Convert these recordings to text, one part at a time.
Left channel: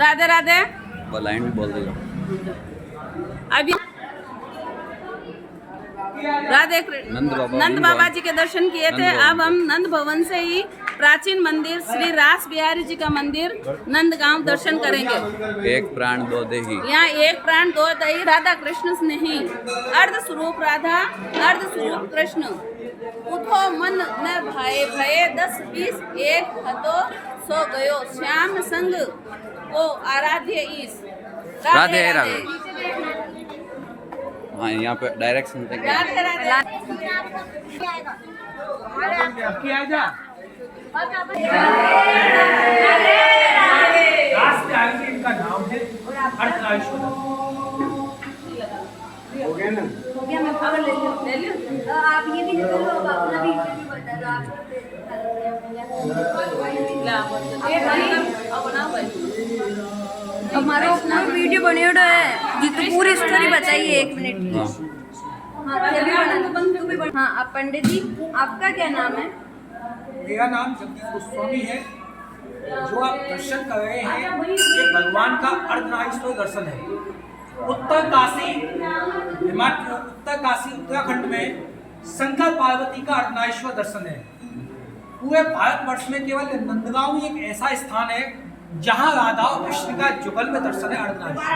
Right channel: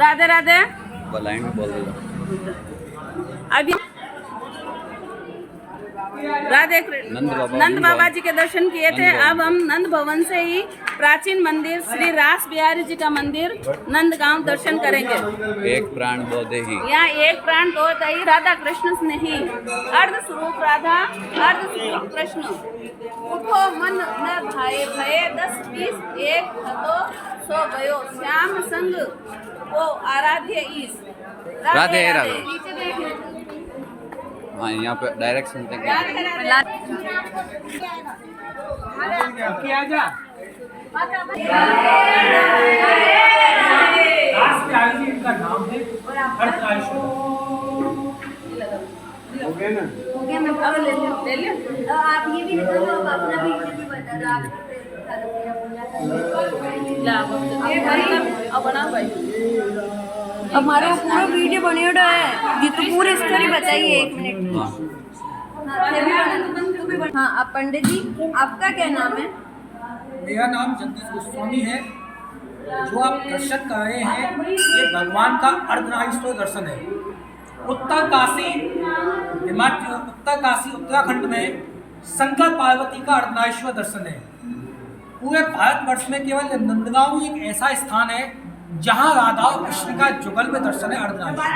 Radhe Radhe. Line बोल दो। अभी राधे नंद बाबा जी के दर्शन किए थे। अब हम नंद भवन से ही प्राचीन मंदिर श्री रास बिहारी जी का मंदिर नंदगांव दर्शन करेंगे। एक प्राण दो देही, यहाँ एक प्राण दो दही, राधा कृष्ण स्नेही, अर्ध स्वरूप राधा अर्ध स्वरूप कृष्ण। उठो मन न भाए भये 10-20 एक हतो सो गयो, श्याम संग को आराध्य ईश। राधे राधे। हाँ, यहाँ पे डायरेक्शन देंगे। इनका नाम है। हो गया ना? हो गया, मैं पागल ले लियो। आप ये भी निकल लो, अब अपना भी बता दो आप। बनाओ भाई। हमारा पूरा वीडियो बनियोड़ है जी, तो पूरी स्टोरी बताइए 1 मिनट में। हाँ, आप पंडित जी, आपका क्या नाम है? मेरा नाम जगदीश गोस्वामी है। जो आप दर्शन कर रहे हैं ये भगवान का अर्धनारीश्वर दर्शन है। उत्तर काशी उत्तराखंड में शंकर पार्वती का अर्धनारीश्वर दर्शन है। पूरे भारतवर्ष में केवल नंदगांव ही एक ऐसा स्थान है जहां राधा और कृष्ण का जुगल में दर्शन है अर्धनारीश्वर।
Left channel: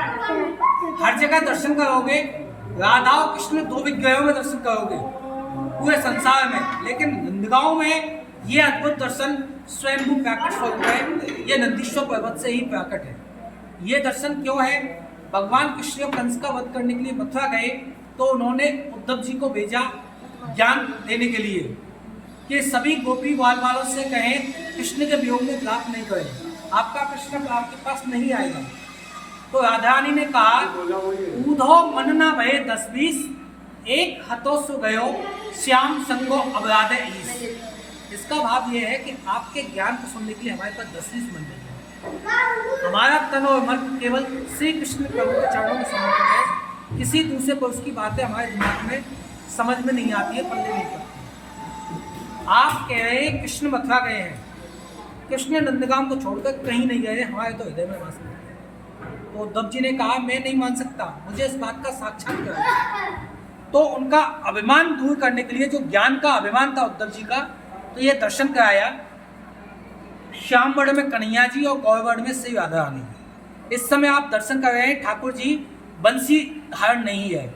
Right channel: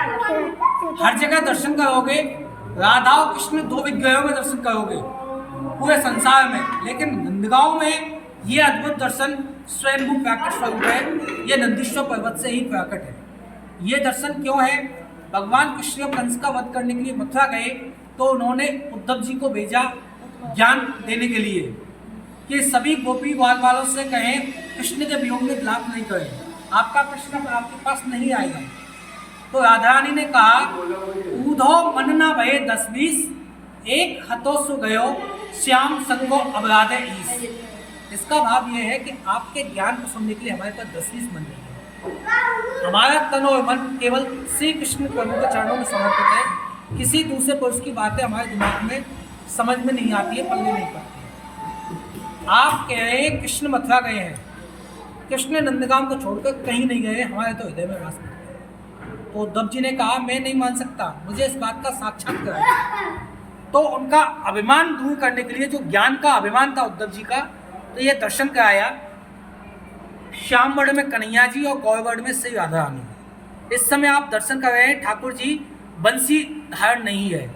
हर जगह दर्शन करोगे, राधा और कृष्ण 2 विग्रहों में दर्शन करोगे पूरे संसार में, लेकिन नंदगांव में ये अद्भुत दर्शन स्वयंभू प्रकट स्वरूप है। ये नंदीश्वर पर्वत से ही प्रकट है। ये दर्शन क्यों है? भगवान कृष्ण कंस का वध करने के लिए मथुरा गए तो उन्होंने उद्धव जी को भेजा ज्ञान देने के लिए कि सभी गोपी बाल वालों से कहें कृष्ण के वियोग में विलाप नहीं करें, आपका कृष्ण आपके पास नहीं आएगा। तो राधा रानी ने कहा, ऊधो मन ना भये 10-20 एक हतो सो गयो, श्याम संगो अपराधे ईश। इसका भाव यह है कि आपके ज्ञान को सुनने के लिए हमारे पास 10-20 मन नहीं है। हमारा तन और मन केवल श्री कृष्ण प्रभु के चरणों में समर्पित है। किसी दूसरे पुरुष की बातें हमारे दिमाग में समझ में नहीं आती है, पल्ले नहीं पड़ती। आप कह रहे हैं कृष्ण मथुरा गए हैं, कृष्ण नंदगांव को छोड़कर कहीं नहीं गए, हमारे तो हृदय में वास करते हैं। तो उद्धव जी ने कहा, मैं नहीं मान सकता, मुझे इस बात का साक्षात्कार है। तो उनका अभिमान दूर करने के लिए, जो ज्ञान का अभिमान था उद्धव जी का, तो ये दर्शन कराया। श्यामवर्ण में कन्हैया जी और गौरवर्ण में श्री राधा रानी। इस समय आप दर्शन कर रहे हैं, ठाकुर जी बंसी धारण नहीं है।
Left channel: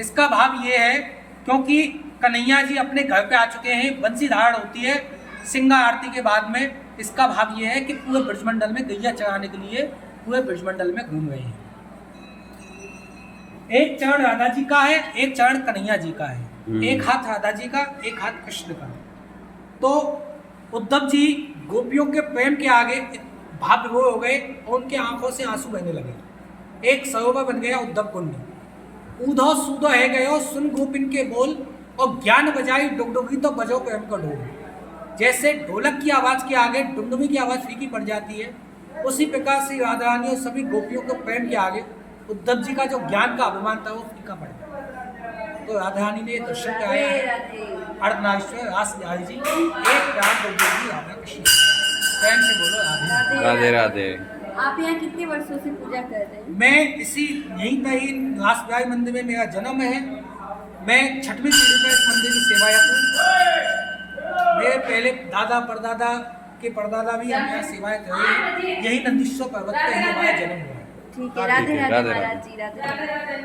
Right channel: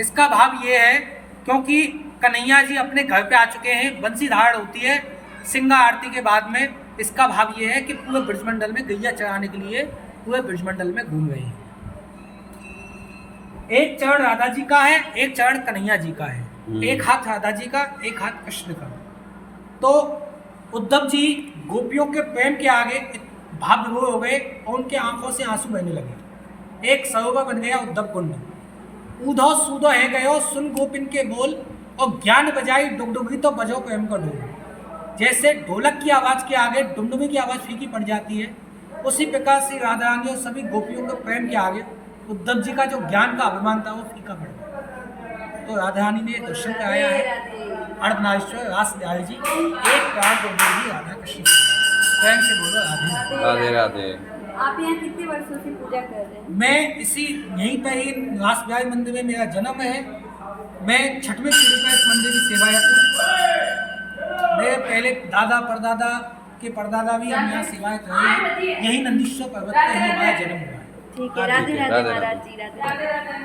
इसका भाव ये है क्योंकि कन्हैया जी अपने घर पे आ चुके हैं। बंसी धारण होती है सिंगा आरती के बाद में। इसका भाव ये है कि पूरे ब्रजमंडल में गैया चराने के लिए पूरे ब्रजमंडल में घूम रहे हैं। एक चरण राधा जी का है, एक चरण कन्हैया जी का है। एक हाथ राधा जी का, एक हाथ कृष्ण का। तो उद्धव जी गोपियों के प्रेम के आगे भाव विभोर हो गए और उनके आंखों से आंसू बहने लगे। एक सरोवर बन गया उद्धव कुंड। ऊधो सूधो है गयो सुन गोपिन के बोल, और ज्ञान बजाई डुगडुगी तो बजो प्रेम का ढोल। जैसे ढोलक की आवाज़ के आगे डुमडुमी की आवाज़ फीकी पड़ जाती है, उसी प्रकार से राधा रानी और सभी गोपियों के प्रेम के आगे उद्धव जी का जो ज्ञान का अभिमान था वो फीका पड़ गया। तो राधा रानी ने दर्शन कराया है अर्धनारीश्वर रास बिहारी जी। एक प्राण दो देही राधा कृष्ण। प्रेम से बोलो राधे राधे राधे। आप यहाँ कितने वर्षों से पूजा कर रहे हैं? मैं इसी यहीं पर ही रास बिहारी मंदिर में मेरा जन्म है। मैं 6वीं पीढ़ी में इस मंदिर की सेवायत हूँ। मेरे पहले दादा परदादा के परदादा भी हम यहाँ सेवायत रहे हैं। यही नंदीश्वर पर्वत पर ही हमारा जन्म हुआ है। ठीक है, राधे राधे महाराज जी, राधे।